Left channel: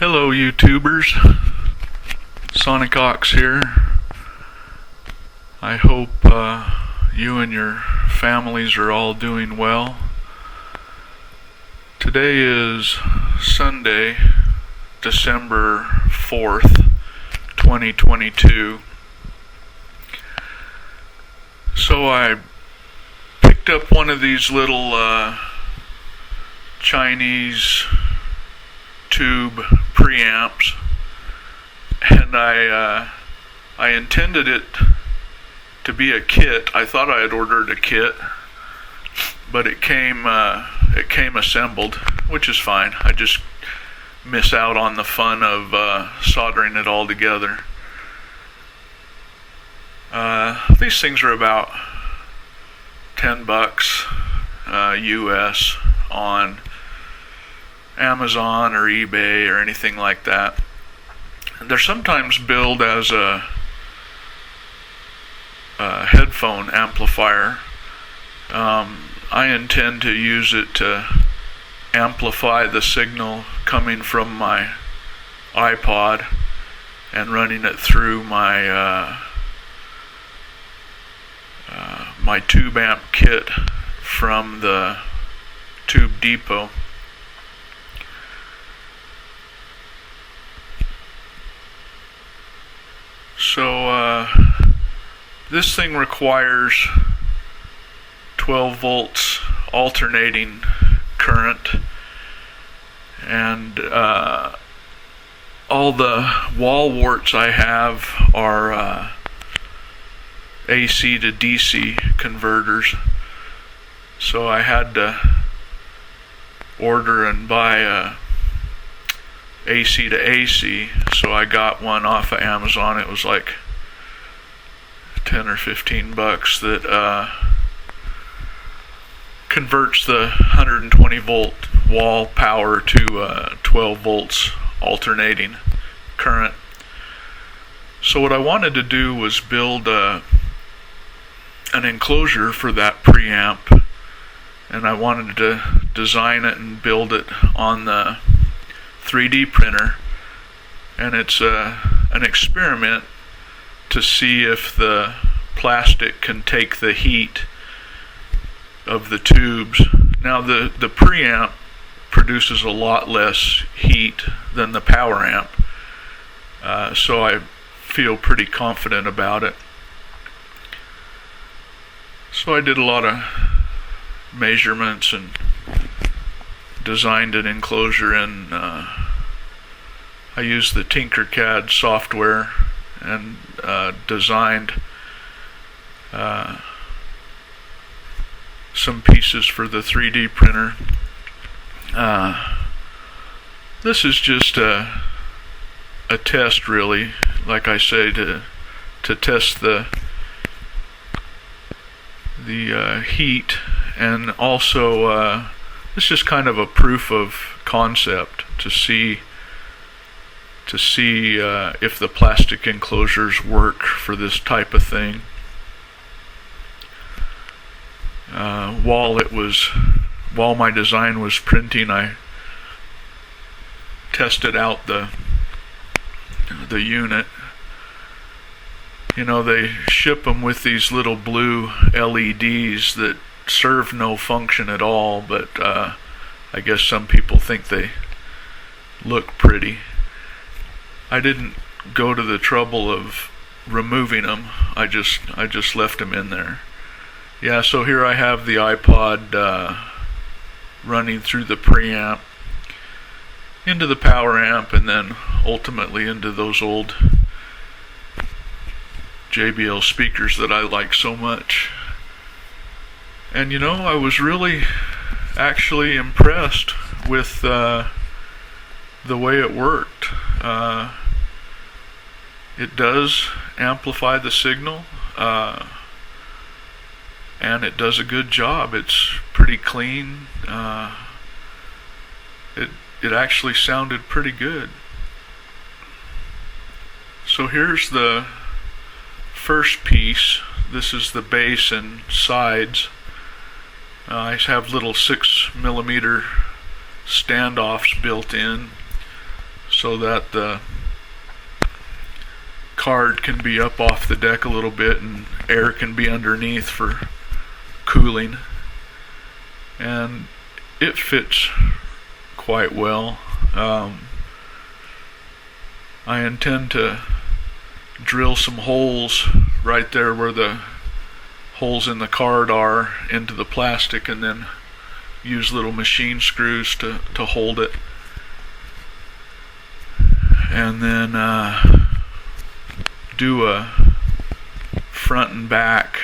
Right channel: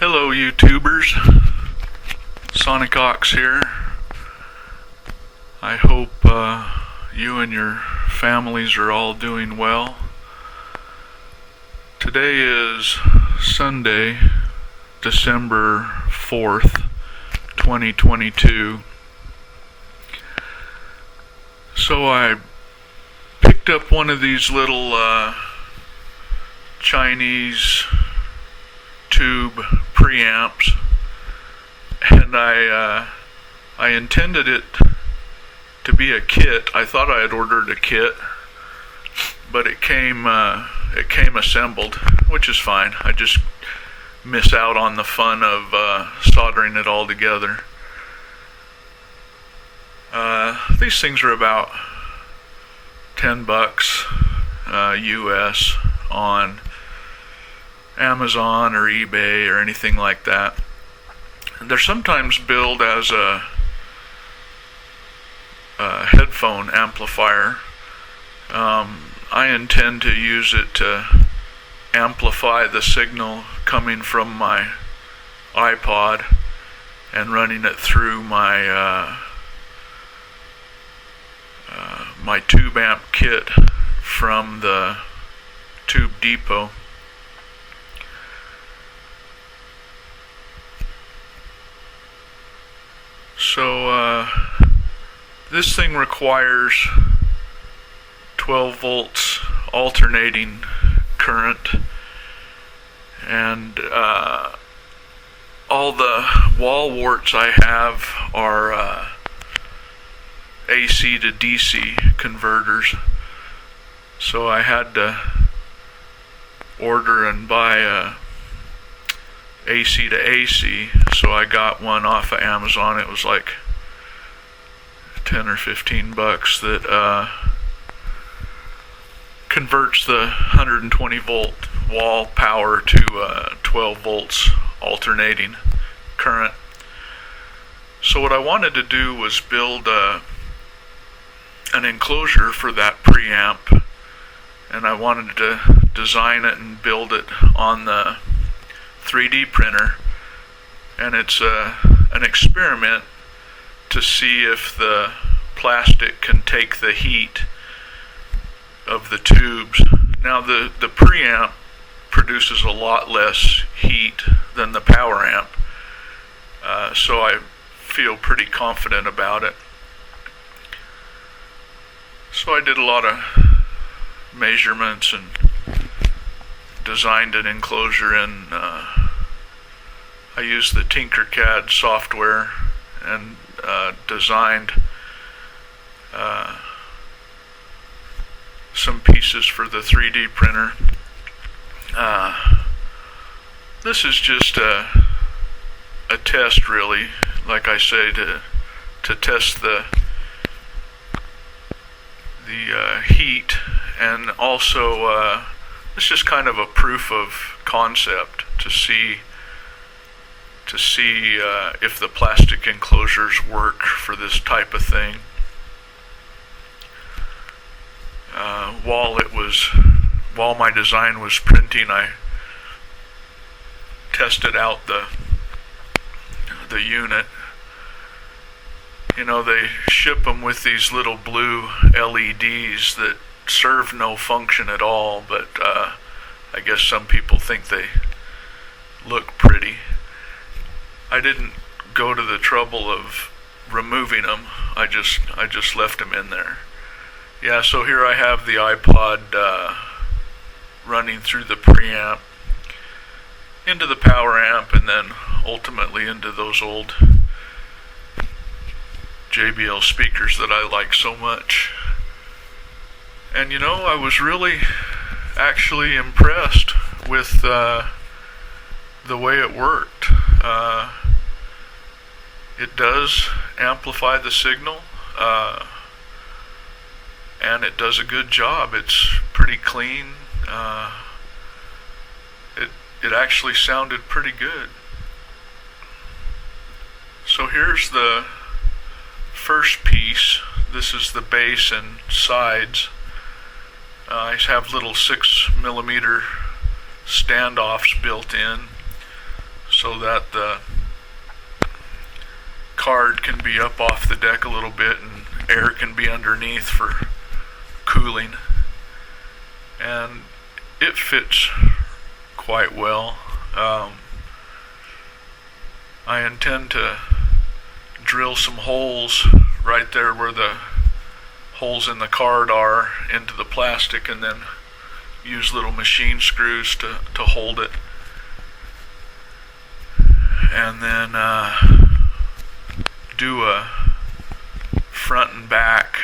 Hello YouTubers, Sonic Ox here. I hope you and your families are all doing well. Today is Sunday, December 4th, 2022. So I picked up one of these little Chinese tube preamps, and I intended it to be a kit. I thought I had ordered a kit, but it came assembled, which is fine. I just miss out on the fun of soldering it all together. These things are about $10 US on Amazon or eBay or anything like that. They're sometimes billed as a headphone amplifier. I intend to use it to amplify the signal coming from my iPod and running it through my my tube amp kit from the Tube Depot. So this thing requires 12 volts alternating current, and all the wall warts I have are AC to DC converters. So I had to order and buy a AC to AC, so I got one off of Amazon. It was like 10 or 15 bucks that converts the 120 volt wall power to 12 volts alternating current. So what I wanted to do was build an enclosure for that preamp, and I wanted to design it and build it on the 3D printer, and it's an experiment to see if the plastic can take the heat of the tubes. Now the preamp produces a lot less heat than the power amp, so I feel pretty confident about it. So I did a lot of measurements and designed an enclosure, and I used the Tinkercad software and designed some pieces for the 3D printer. This is just a test, really, like I say, to test the heat, and also it's just kind of a proof of concept to see if the plastic enclosures work for this type of thing. While my design was printing, I tested out the unit. You know, they ship them with these little blue LEDs that serve no function at all, but I guess some people think they look pretty. I didn't go to the trouble of removing them. I just left them in there. Yeah, so here I have the iPod running through the preamp into the power amp, and then ultimately into those old JBL speakers that I like so much. And you know, I was really actually impressed with the way it worked. It does amplify the signal, and it does a good job. It's pretty clean. It actually sounded pretty good. So here's the first piece. This is the base and sides. I have little 6mm standoffs built in, so that the card can be up off the deck a little bit and air can be underneath for cooling. And it fits quite well. I intend to drill some holes right there where the holes in the card are into the plastic, and then use little machine screws to hold it. And then do a front and back,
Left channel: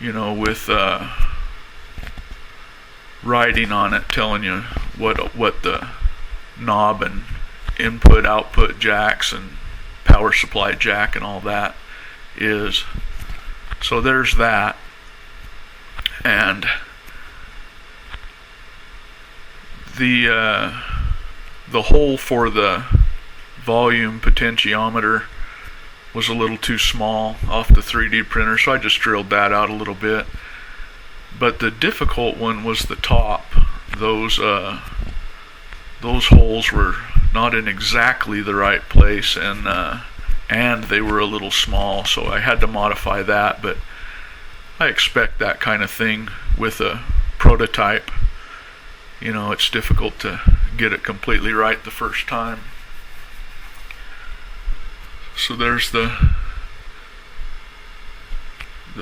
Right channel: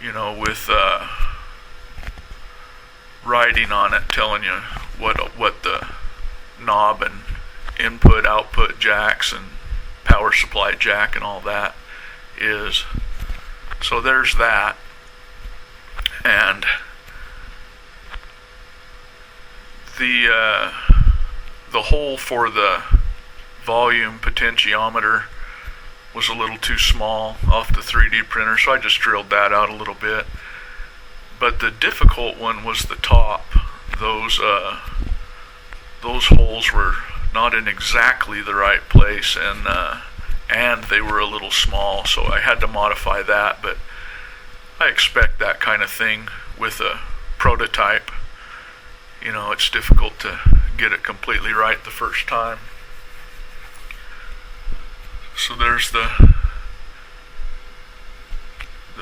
with writing on it telling you what the knob and input output jacks and power supply jack and all that is. So there's that. And the hole for the volume potentiometer was a little too small off the 3D printer, so I just drilled that out a little bit. But the difficult one was the top. Those holes were not in exactly the right place, and they were a little small, so I had to modify that. But I expect that kind of thing with a prototype. It's difficult to get it completely right the first time. So there's the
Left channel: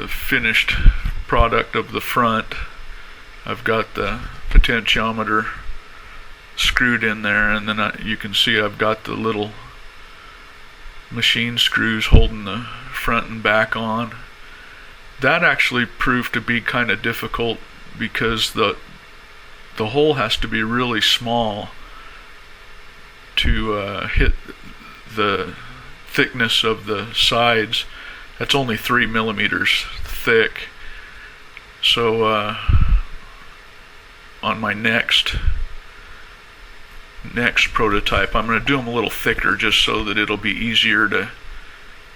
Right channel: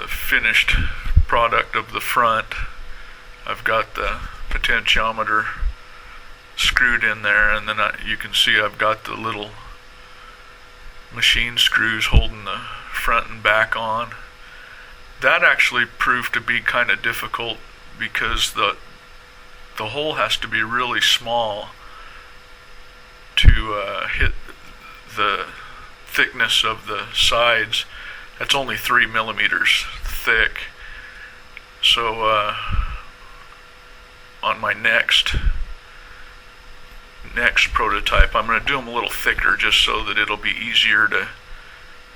finished product of the front. I've got the potentiometer screwed in there, and then you can see I've got the little machine screws holding the front and back on. That actually proved to be kind of difficult because the hole has to be really small to hit the thickness of the sides. That's only 3 millimeters thick. So on my next prototype, I'm going to do them a little thicker just so that it'll be easier to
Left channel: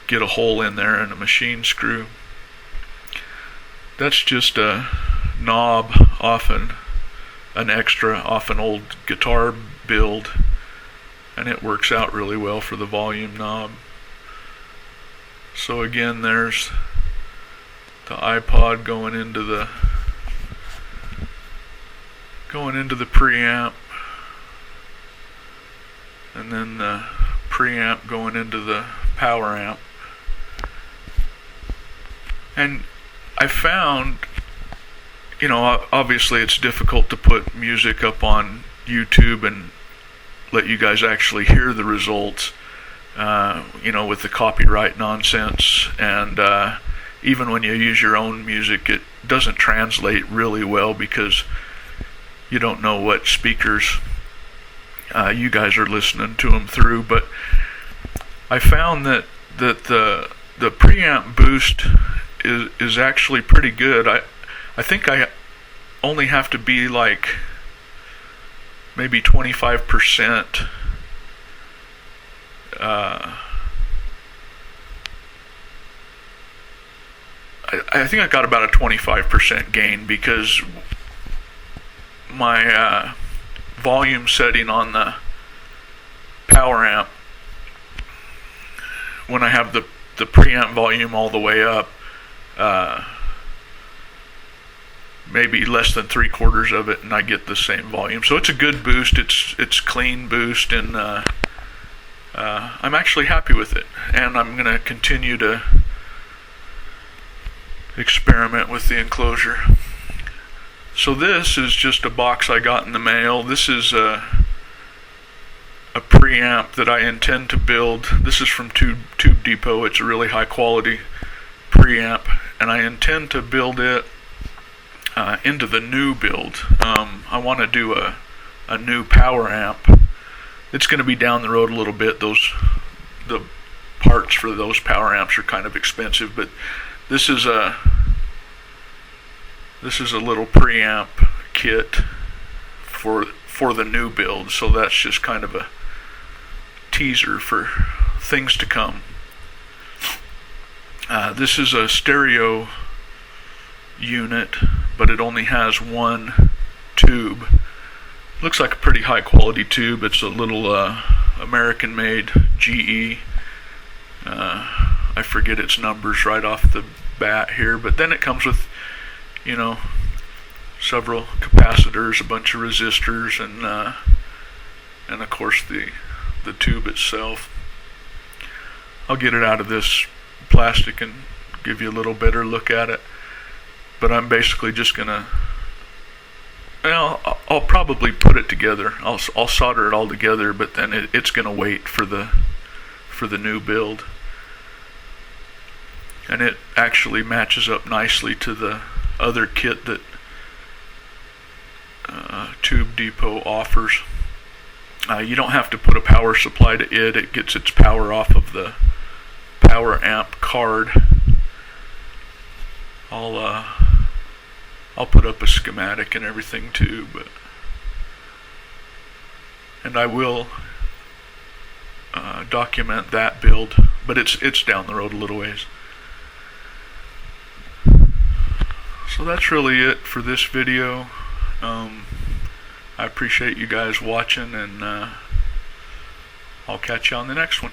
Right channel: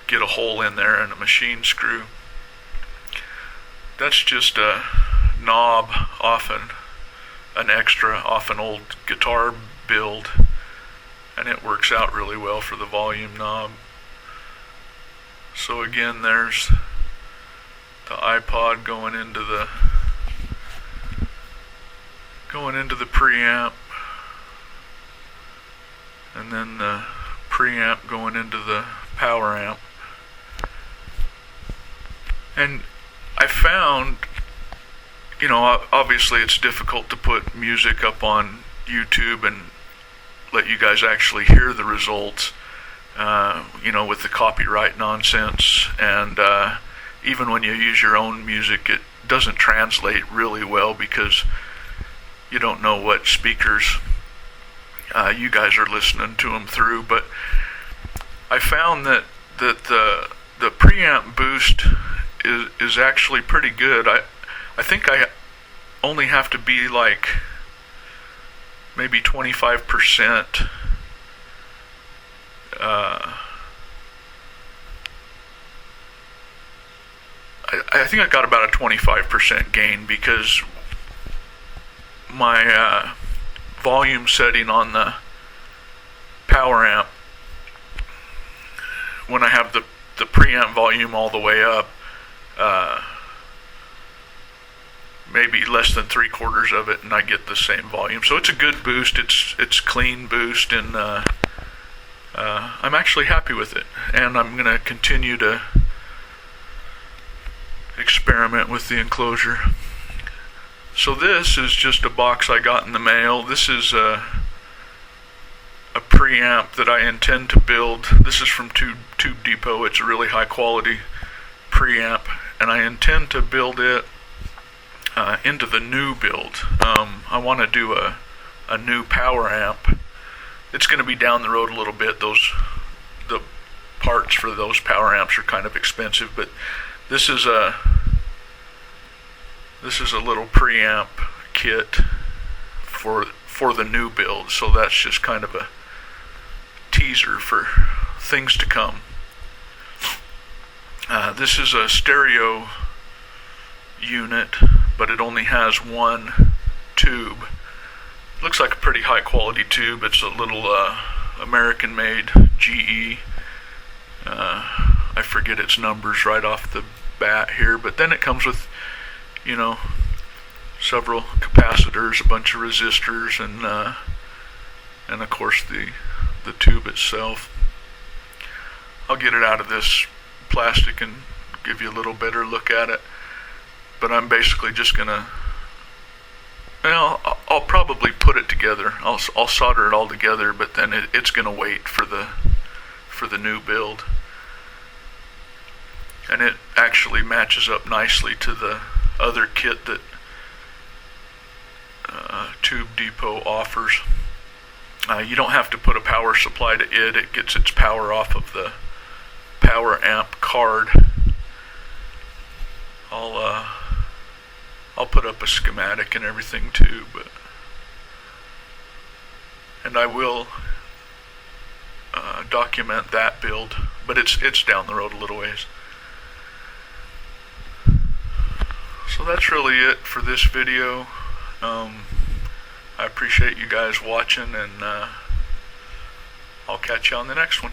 get a hole in there and a machine screw. That's just a knob off an old guitar build, and it works out really well for the volume knob. So again, there's the iPod going into the preamp, and then the preamp going into the power amp. And I found, obviously it's difficult to put music up on YouTube and let you guys actually hear the results, with the copyright nonsense. And even when you use your own music, it doesn't translate really well because you don't know what speakers you guys are listening to them through. But I found that the preamp boost is actually pretty good. I think I only have to be like maybe 25%. I think I got about a 25% gain because my volume setting on the power amp, when I have the preamp volume all the way up, maybe less than 3/4 of it, and I get the same volume. So it's a good boost. It's clean boost, and I'm actually happy with it. And I'm going to continue to experiment with the enclosure. So this is just a box I got in the mail. This is a preamp that I intend to build. This is from Tube Depot. It's a really high quality preamp, and I intend to build it into the new build. I want to do a new power amp. It's going to be down the road a little bit. The parts for those power amps are kind of expensive, but this is a little preamp kit for the new build. So that's just kind of a teaser for things to come. This is a stereo unit, but it only has one tube. Looks like a pretty high quality tube. It's a little American made GE. I forget its numbers right off the bat here, but then it comes with, you know, several capacitors, a bunch of resistors, and of course the tube itself. I'll get it out of this plastic and give you a little better look at it, but I'm basically just gonna, well, I'll probably put it together. I'll solder it all together, but then it's gonna wait for the new build. And it actually matches up nicely to the other kit that Tube Depot offers. You don't have to put a power supply to it. It gets its power off of the power amp card. I'll put up a schematic and everything too, and I will document that build, but it's down the road a little ways. So that's really it for this video. I appreciate you guys watching, and I'll catch you on the next one.